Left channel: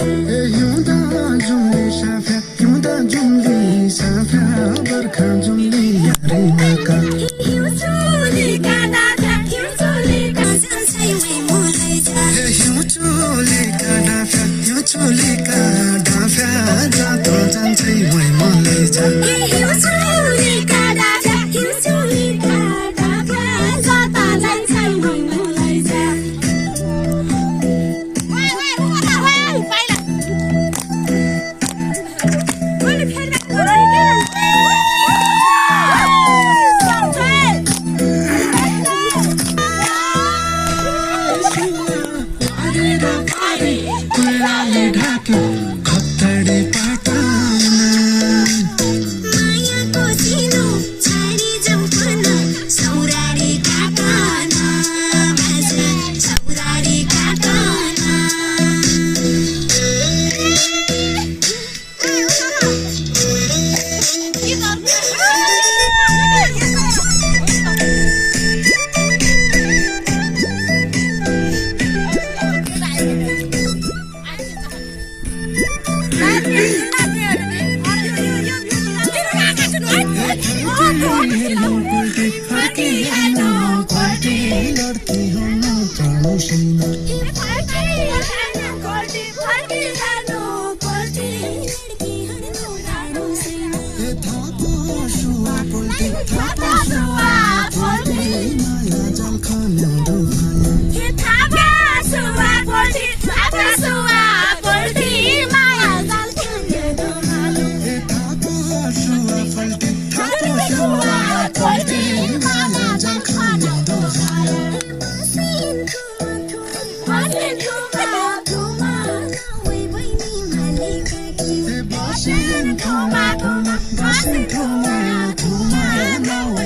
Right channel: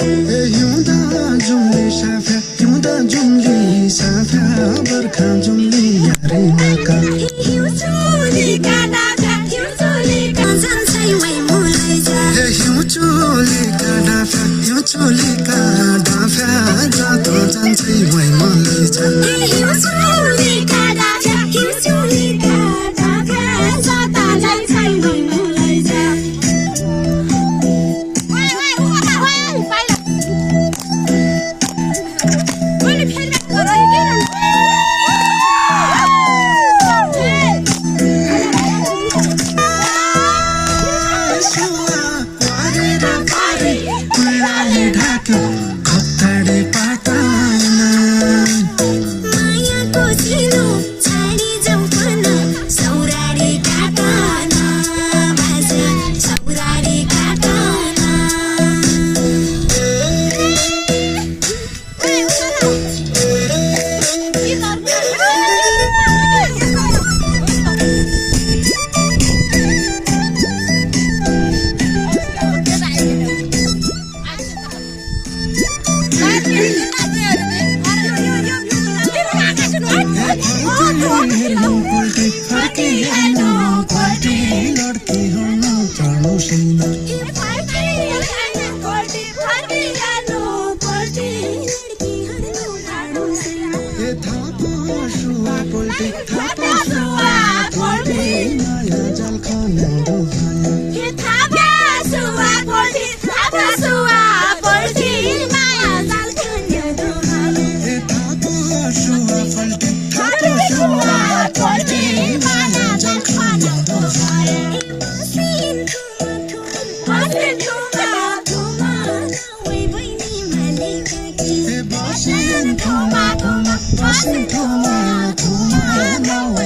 हिउँदा जुम्ली साफ्या हिउँदा जुम्ली साफ्या बर्खा जुम्ली यारी नका हिउँ चोलीका डाँफा जाँतो जान्छै वै मलाई खत्तडे पाटाना मायाको सिलो छाडी जाऊ पन सौराडी काटाना बाजे सौराडी काटाना Thuma, thuma, thuma, thuma, thuma, thuma,